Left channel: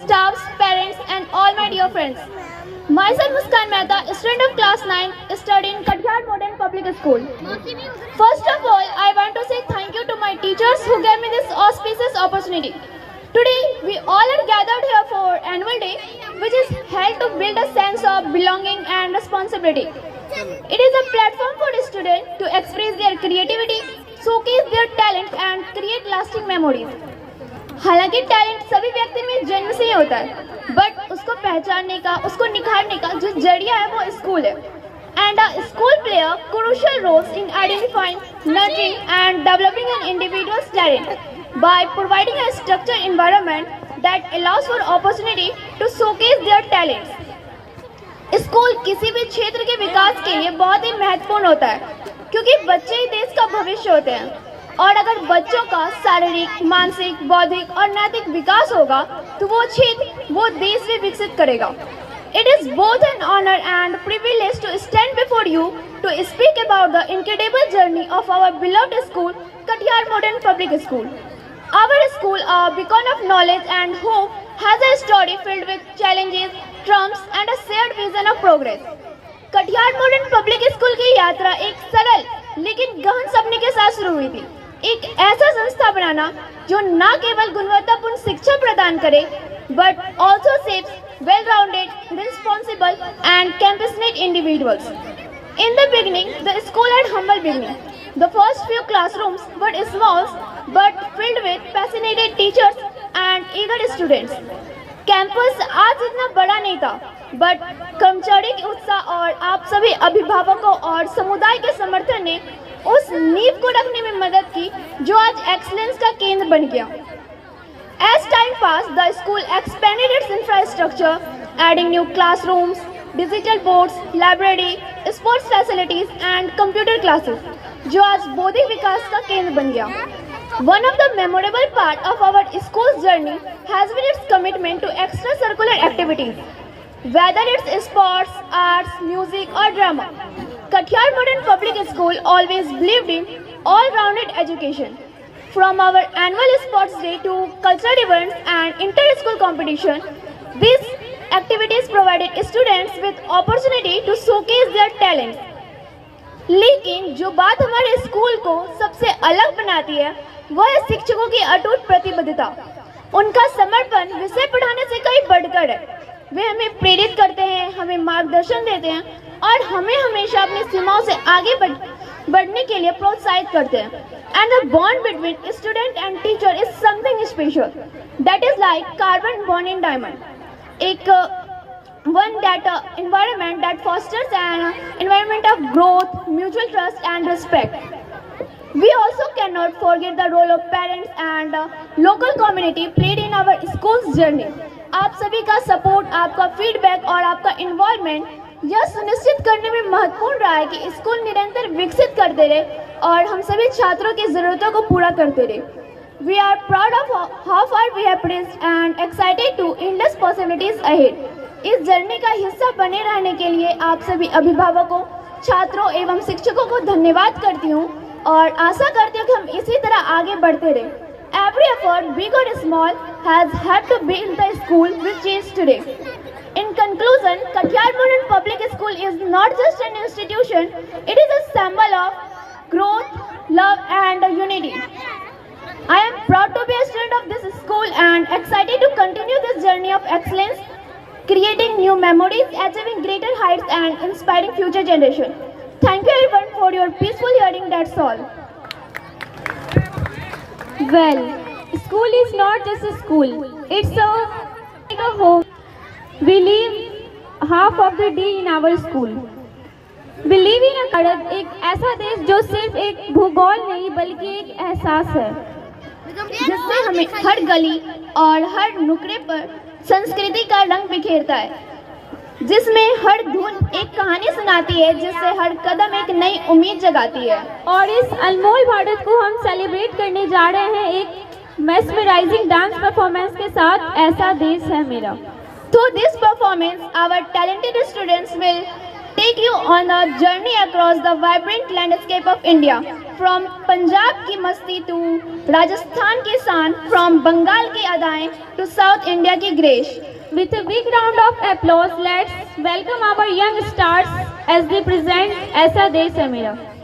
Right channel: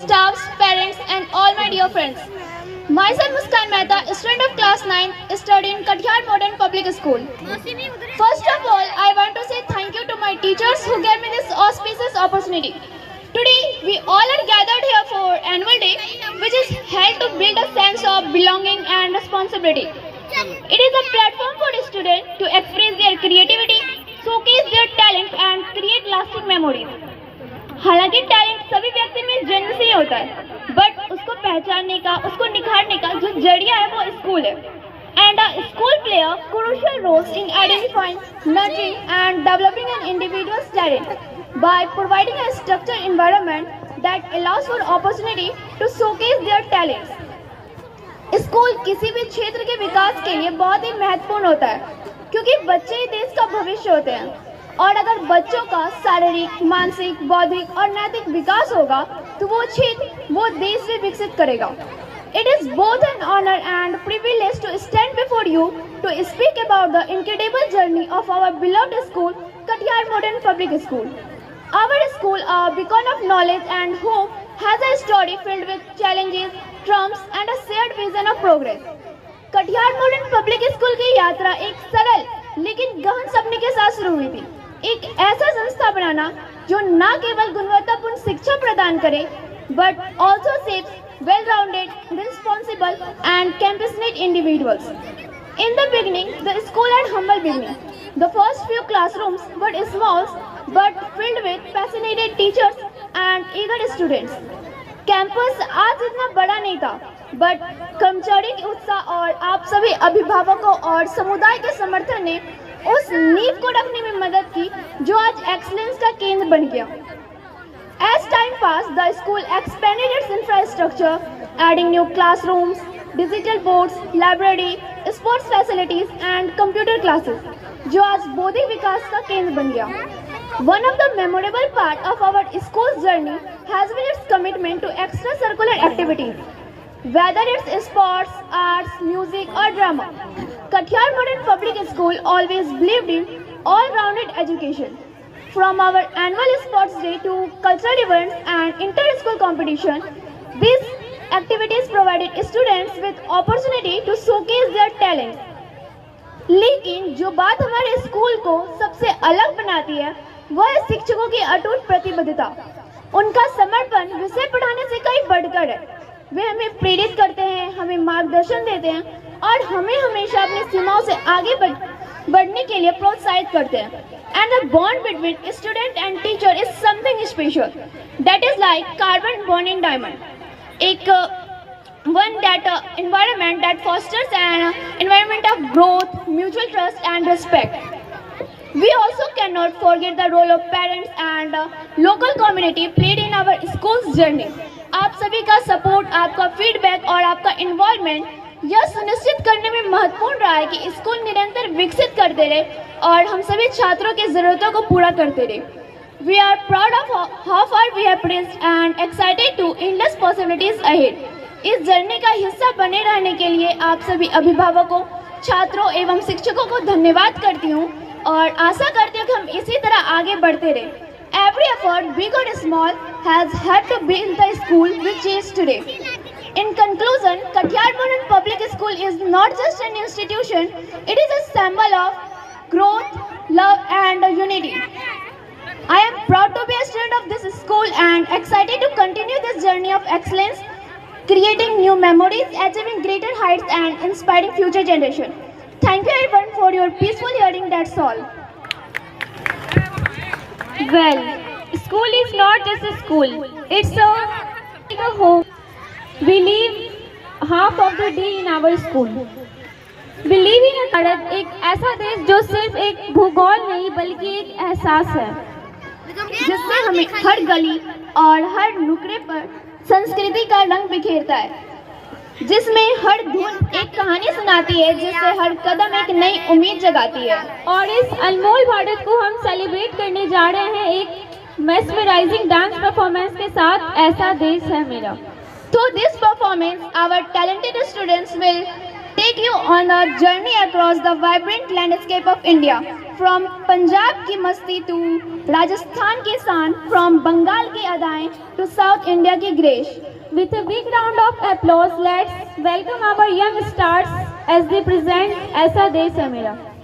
staffs, parents, and all my dear friends. Myself Muskan Mehta, student of class 9, studying in Kathiawar Modern Public School. First of all, I want to say thank you to my teachers who gave me this auspicious opportunity. Today, we all are gathered here for annual day, which is held to build a sense of belonging and responsibility. It is a platform for students to express their creativity, showcase their talent, and create lasting memories. हालांकि talent सभी व्यक्ति में जन्म से ही होता है, but उसको पहचानने का, उसको निखारने का जो जरिया है वो स्कूल है. And a school play a crucial role in identifying, nurturing, and developing an individual's talent by providing a structured environment that allows for opportunity to showcase their talents. School किसी भी क्षेत्र के विकास के लिए बहुत ही महत्वपूर्ण होता है, क्योंकि बच्चे ही देश का भविष्य होते हैं. और अगर बच्चों का शारीरिक, मानसिक, बौद्धिक और नैतिक विकास होगा तो वो क्षेत्र, वो देश भी विकसित करेगा. It is both an honor and privilege to stand before you to speak about the incredible journey of our beloved school, Kathiawar Modern Public School. Our school, a beacon of knowledge and hope, has a story filled with challenges, triumphs, and a shared vision of progress. Katihar modern public school की यात्रा एक सरल लेकिन गहन सपने के साथ शुरू हुई थी. एक ऐसा संस्था बनाना जो न केवल गुणवत्तापूर्ण शिक्षा प्रदान करे, but also shapes well-rounded, responsible, and campus-made individuals. In the beginning, the school had humble beginning. The first few classrooms were small, but filled with passionate teachers and eager students. Campus आज इतना बड़ा नहीं था, but कर्मचारी के उत्साह और आप सभी अभिभावकों और समुदाय के समर्थन ने उस नींव को रखने में मदद की जो आज एक्सीलेंस का केंद्र बन गया. As time passed, the school expanded its infrastructure, adding new classrooms, digital boards, library, sports facilities, and computer classes, जो आज बौद्धिक विकास का केंद्र बन गया. One of the memorable part of our school's journey has been its commitment to extracurricular activities, whether it's sports, arts, music, or drama. Kathiawar Modern Public School always believed in all-rounded education. From our annual sports day to cultural events and inter-school competition, these activities provided students with opportunity to showcase their talents. लेकिन जो बात हमारे school को सबसे अलग बनाती है वह है शिक्षकों की अटूट प्रतिबद्धता. उनका समर्पण विषय पढ़ाने से कहीं बढ़कर है. वे हमें प्रेरित करते हैं, हमें मार्गदर्शन देते हैं और हमें हमेशा अपनी सीमाओं से आगे बढ़ने के लिए प्रोत्साहित करते हैं. And the bond between student and teacher is something special. That is like carbon bond in diamond. एक environment that fosters an environment of growth, mutual trust, and respect. We also cannot forget the role of parents and local community played in our school's journey. आप सभी का support, आपका feedback और आपका involvement यह सुनिश्चित करने में महत्वपूर्ण रहा है कि स्कूल निरंतर विकसित करते रहे और हम सभी छात्रों की जरूरतों को पूरा करते रहे. We are proud of how far we have reached and excited to endless possibilities ahead. इस जर्नी का हिस्सा बने रहने के लिए आप सभी अभिभावकों, छात्रों एवं शिक्षकों को धन्यवाद करती हूँ और आशा करती हूँ कि हम इसी तरह आगे बढ़ते रहें. Every effort, big or small, has had to build the school which is today. In conclusion, Kathiawar Modern Public School is not just an institution, it is a symbol of growth, love, and unity. I am proud to be a student of this school and excited to continue this journey of excellence, creating new memories, achieving greater heights, and inspiring future generations. Thank you everyone for your peaceful hearing. That's all. Well, school is not just a school, it's like a home. We live half of the day in our school. We live in a Bharat एक ऐसा देश जो सिर्फ एक भूगोल नहीं बल्कि एक एहसास है, जिसमें हमें हर गली और हर नुकड़े पर संस्कृति का रंग बिखेरता है, जिसमें हर धुन एक कहानी सुनाती है, जिससे हर कदम एक नई उम्मीद जगाती है. और इस अनमोल भारत को हम सेलिब्रेट करने जा रहे हैं एक मेस्मराइजिंग डांस परफॉर्मेंस के साथ. ऐसा देश है मेरा. Through this performance, our talented students will take you on a journey across the vibrant landscape of India. From Punjab ki masti to Rajasthan ki saan, from Bengal ki adaएं to South India ki grace. With a big round of applause, let's welcome our young stars as they present Aisa De Samira.